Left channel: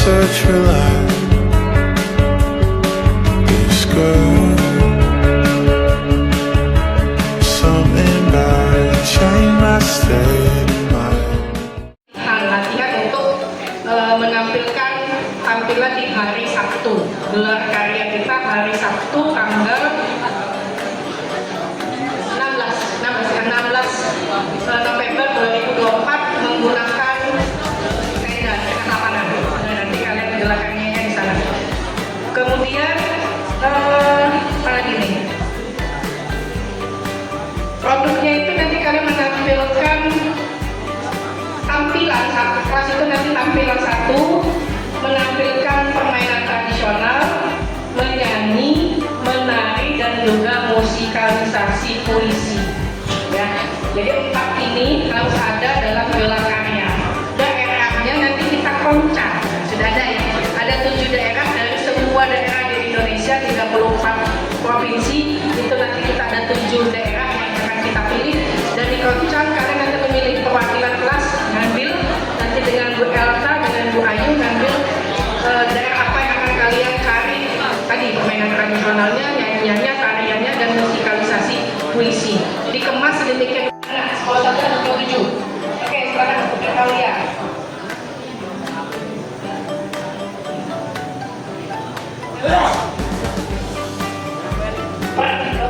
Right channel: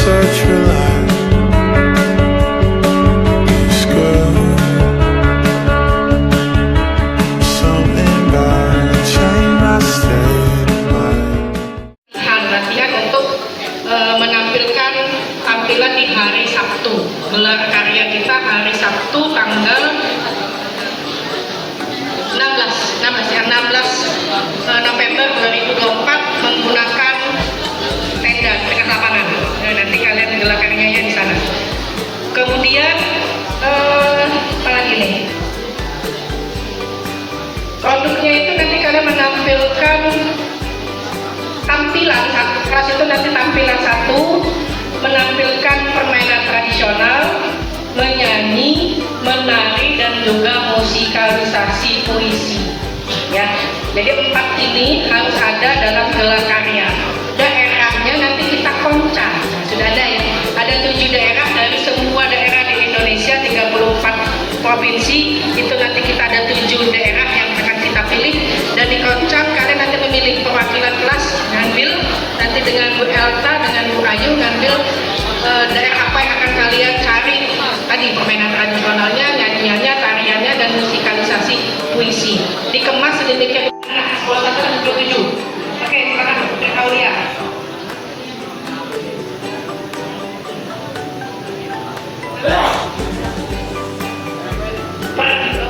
such relief. It's good. Something about it changed my state of mind. Latihan untuk menampilkan tampilan di hari Sabtu. Gelar karya kita hari Sabtu tanggal 16 November 2024 menggunakan tenda tengah lapangan. Nah, nanti kalian gelar karyanya di sana. Kemudian apa lagi nih? Produknya itu nanti kalian menampilkan tampilan kelas itu nanti tampilan 1 menampilkan permainan tradisional, menyanyi, menari dan juga musikalisasi puisi. Ya, jadi 4 ini harus ada dalam gelar karya. Daerahnya nanti kita koncang. Sudah ada ya. Ada 7 daerah dari semua daerah di Indonesia, 34 provinsi. Itu nanti kita ada 7 daerah yang akan kita pilih dan dikoncang. Kalian nanti memilih perwakilan kelas, ngambil nanti dengan Bu Elta, dengan Bu Ayu ngambil daerah apa yang akan kalian cari tadi, permainan tradisionalnya, nyanyiannya, tariannya dan musikalisasi puisi. Dikemas sedemikian rupa. Sekolah 1-7. Oke, sekarang Dr. Aulia.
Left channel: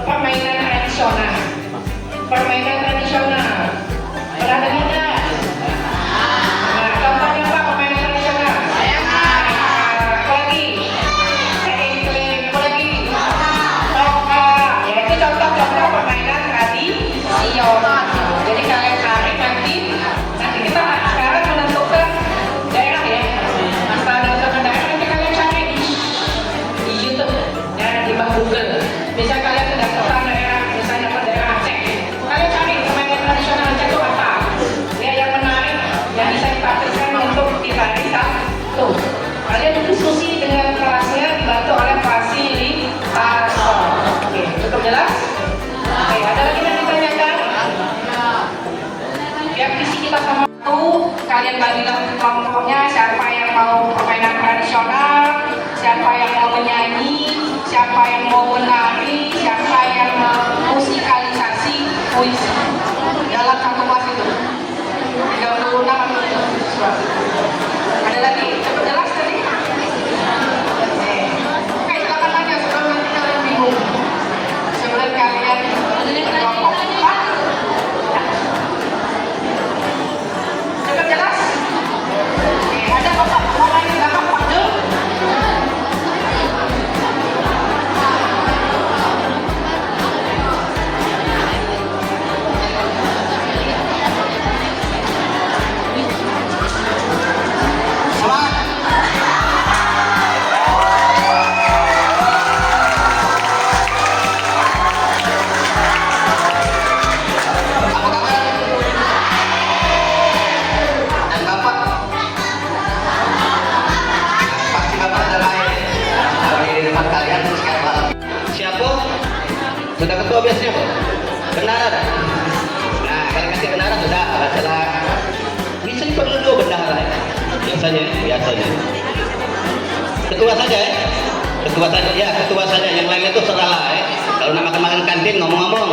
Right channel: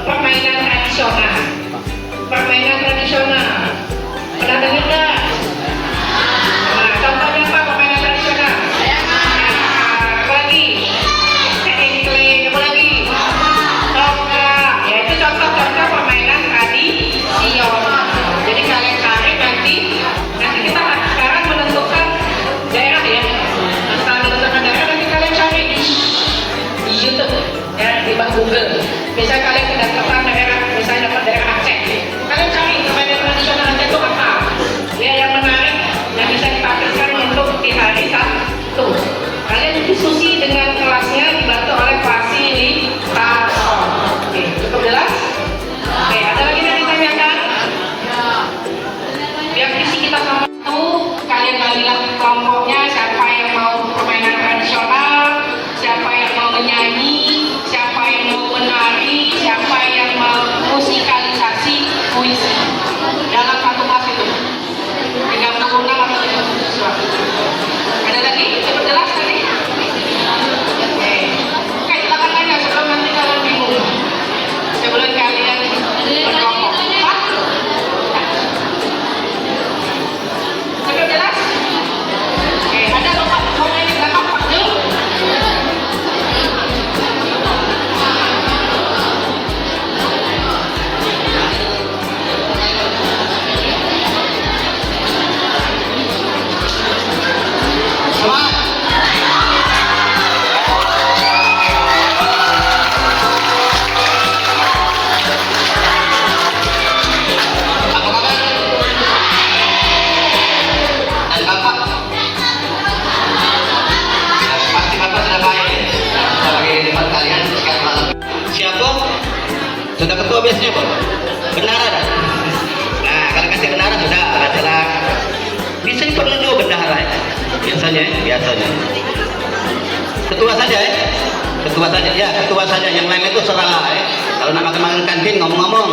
Permainan tradisional. Permainan tradisional. Pernah dengar nggak? Nah, contohnya apa permainan tradisional? Apa lagi? Apa lagi? Ya itu contoh-contoh permainan tradisional. Jadi kalian cari nanti kita sekarang menentukan daerah ya. Setelah menentukan daerah nanti kalian cari di YouTube ya, di Google. Misalnya kalian menentukan daerah, misalnya daerah Aceh, kalian cari permainan tradisional Aceh itu apa? Ya yang menarik, yang bisa ditampilkan untuk di hari Sabtu. Kalian diskusi dengan kelasnya dibantu oleh fasilitator. Oke, cukup jelas? Oke, ada lagi yang ditanyakan? Biar visi kita sama tuh, kalian bagilah kelompoknya, siapa yang mau permainan tradisional, siapa yang mau menyanyi, siapa yang mau menari, siapa yang mau musikalisasi puisi. Dalam satu kelas itu 36 atau 37 siswa. Ada lagi? Cukup jelas tadi? Oke, silakan tanya sebelum nanti kalian bingung. Sebelum kalian berkelompok. Pak? Cukup jelas? Oke, ada bapak mau main di belakang Pak Dul? Sudah ketua biasanya Pak? Bendahara? Nah, kalau kasih bendahara sudah, adalah bisa dipanggil juga bendahara ya? Biasanya. Ketua saja ya? Ketua saja, yang lain itu serahlah ya. Kalau nama kemarin kantin ngomong apa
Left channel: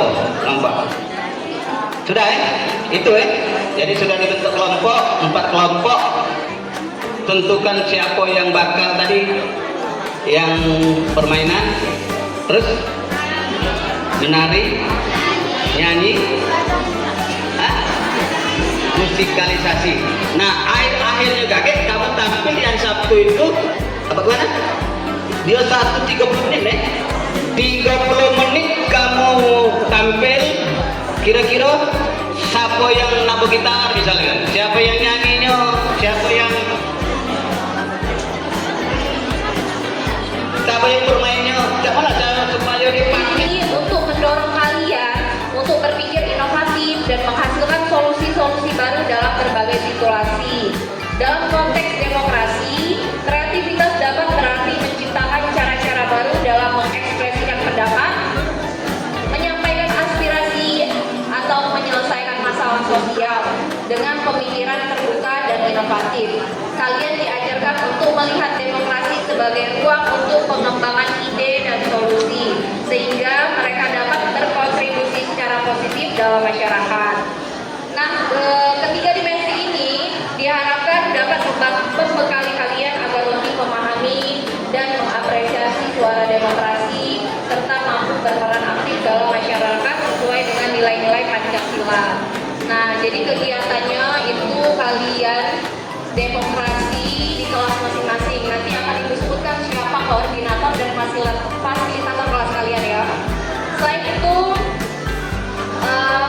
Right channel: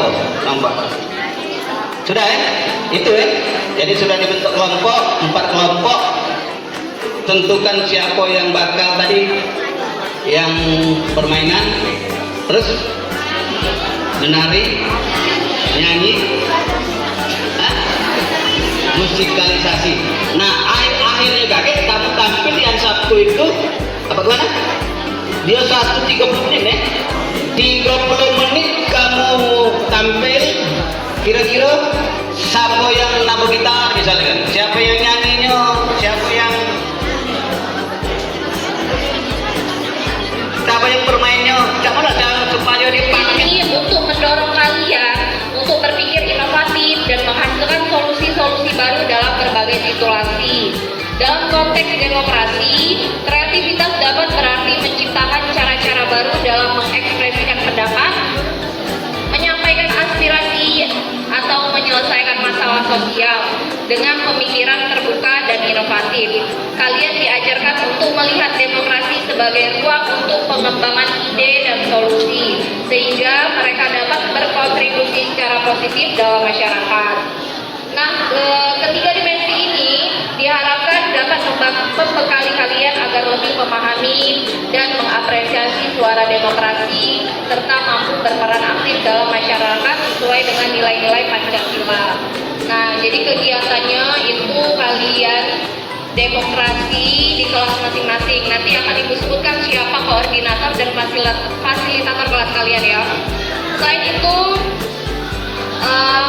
Bob? Ngomong. Sudah ya? Itu ya? Jadi sudah dibentuk kelompok, 4 kelompok. Tentukan siapa yang bakal tadi yang permainan, terus menari, nyanyi, musikalisasi. Nah, akhirnya kaget kamu tampil yang Sabtu itu apa gimana? Dia 30 menit nih. 30 menit kamu tampil. Kira-kira siapa yang nabuh gitar misalnya? Siapa yang nyanyinya? Siapa yang bermainnya? Gimana cara supaya dia ini untuk mendorong kalian untuk berpikir inovatif dan menghasilkan solusi-solusi baru dalam berbagai situasi. Dalam konteks demokrasi, kreativitas dapat berarti menciptakan cara-cara baru dalam mengekspresikan pendapat, menyampaikan aspirasi atau menyelesaikan masalah sosial. dengan pemikiran terbuka dan inovatif. Kalian diajarkan untuk melihat demokrasi sebagai ruang untuk pengembangan ide dan solusi, sehingga mereka dapat berkontribusi secara positif dalam masyarakat. Nah, ketiga dimensi ini diharapkan dapat membekali kalian agar lebih memahami dan mengapresiasi suara demokrasi serta mampu berperan aktif dalam masyarakat sesuai dengan nilai-nilai Pancasila. Nah, jadi kegiatannya itu kalian demokrasi di kelas masing-masing. Nanti akan Ibu sebutkan siapa koordinator dan fasilitator kelas kalian ya. Selain itu,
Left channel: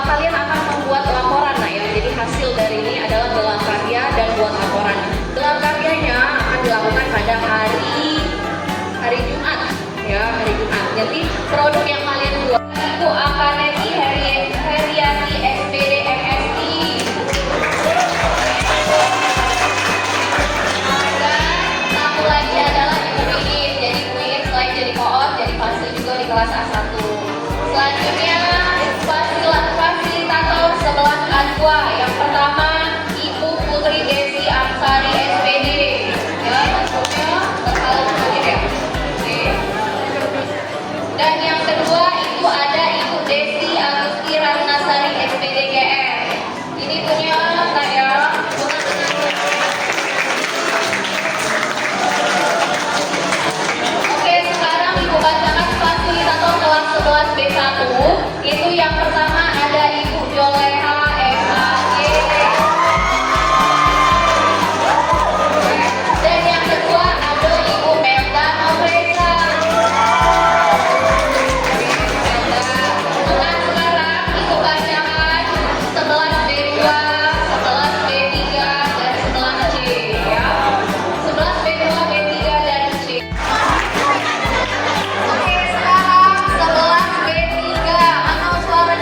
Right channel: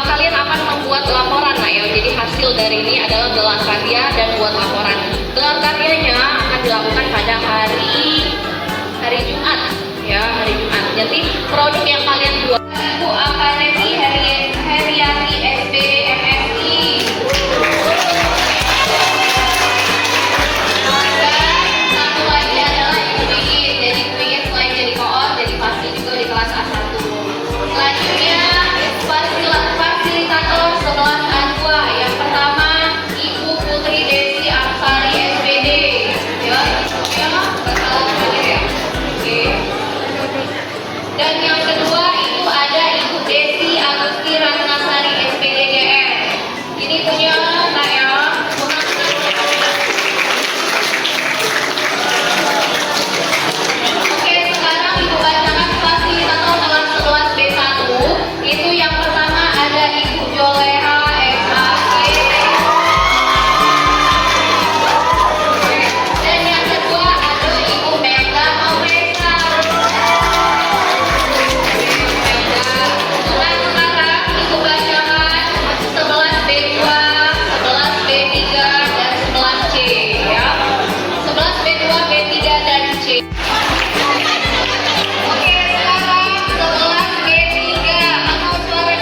kalian akan membuat laporan. Nah ya, jadi hasil dari ini adalah gelar karya dan buat laporan. Gelar karyanya akan dilakukan pada hari Jumat ya, hari Jumat. Jadi produk yang kalian buat itu Akademi Heriati SPD MSI. Dan satu lagi adalah Ibu Pingin. Jadi Ibu Pingin selain jadi koor, jadi pasti juga di kelas A1. Selanjutnya fasilitator setelah A2. Yang pertama Ibu Putri Desi Aksari SPD. Ya, ya. Oke. Dan yang kedua itu ada Ibu Desi Agusti Ratnasari SPD GR. Ini punya saya. Oke, sekarang Ibu bacakan fasilitator kelas 11 B1. Itu yang pertama ada Ibu Joleha MAG. Dan yang kedua ada Ibu Melda Novresa. Sekarang Ibu bacakan 11 B2, 11 B3, dan 11 C ya. 11 B2, B3, dan C. Oke, sekarang 11 B3. Angkat suara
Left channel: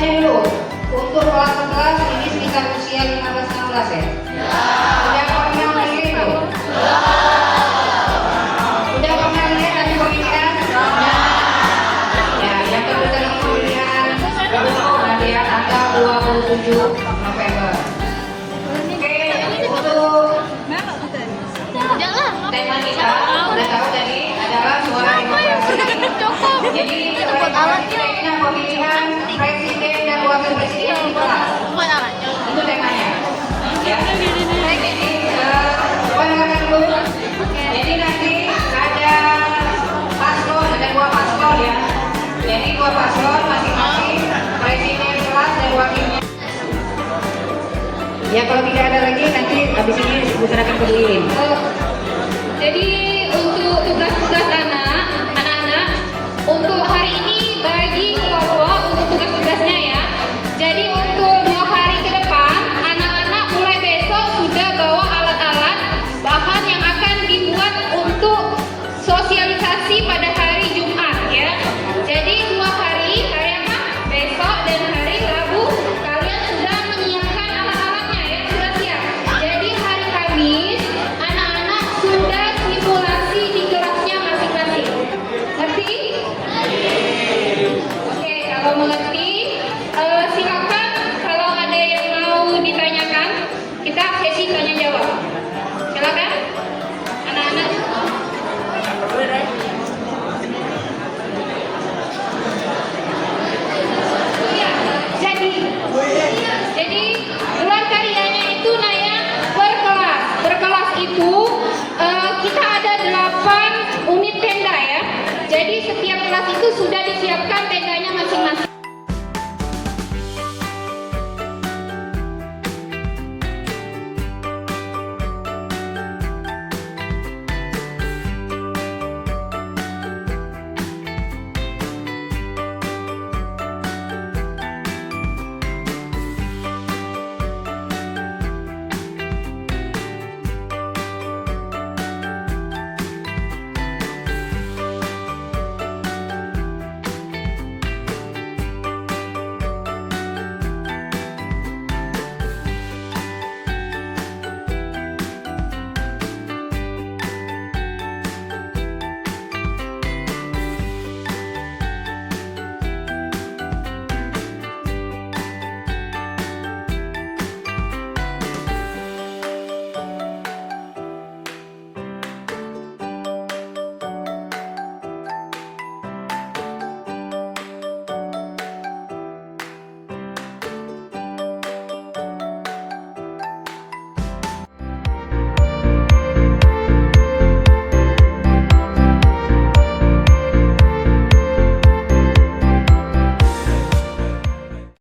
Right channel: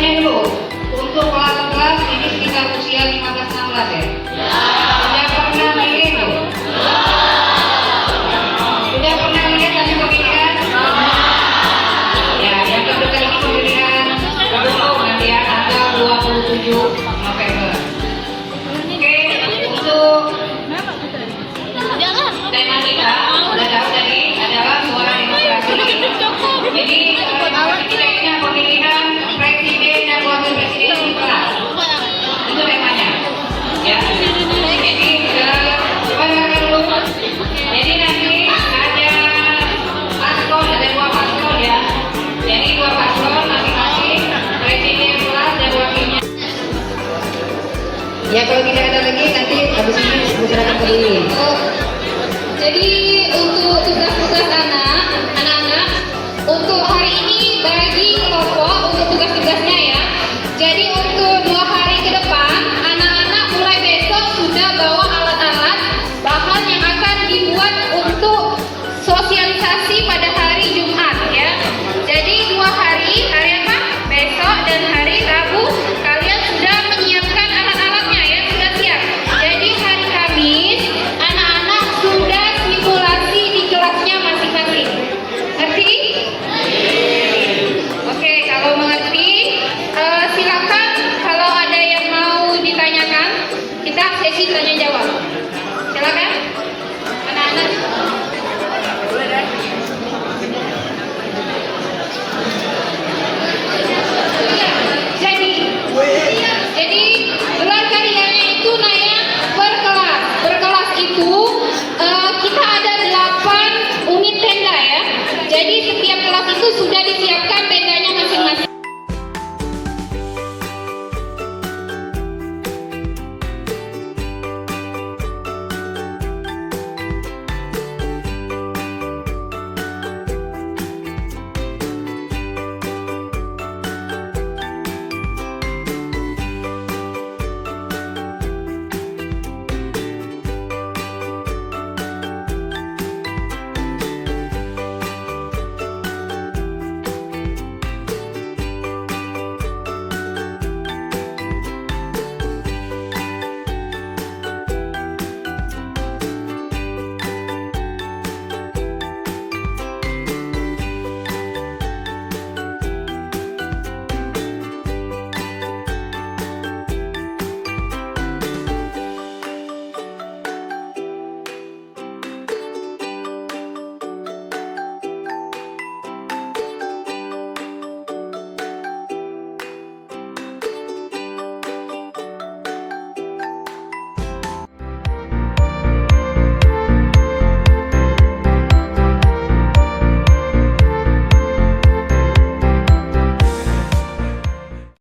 dulu. Untuk kelas-kelas ini sekitar usia 15-16 ya? Udah pernah main tuh? Udah pernah lihat ada pemilihan? Ya, yang kebetulan ini pemilihan nanti ya, tanggal 27 November. Oke, untuk tema kita udah tahu tadi adalah suara demokrasi. Jadi kita ini pemilihan presiden dan wakil presiden di kelas. Itu temanya. Ya. Jadi coba dengarkan dulu. Jadi nanti ada paslon, ada 2 paslon ya. Jadi 2 paslon masing-masing presiden kelas dan wakilnya. Ya kalau tidak ada lagi nanti habis ini diserahkan ke Dewi. Jadi untuk tugas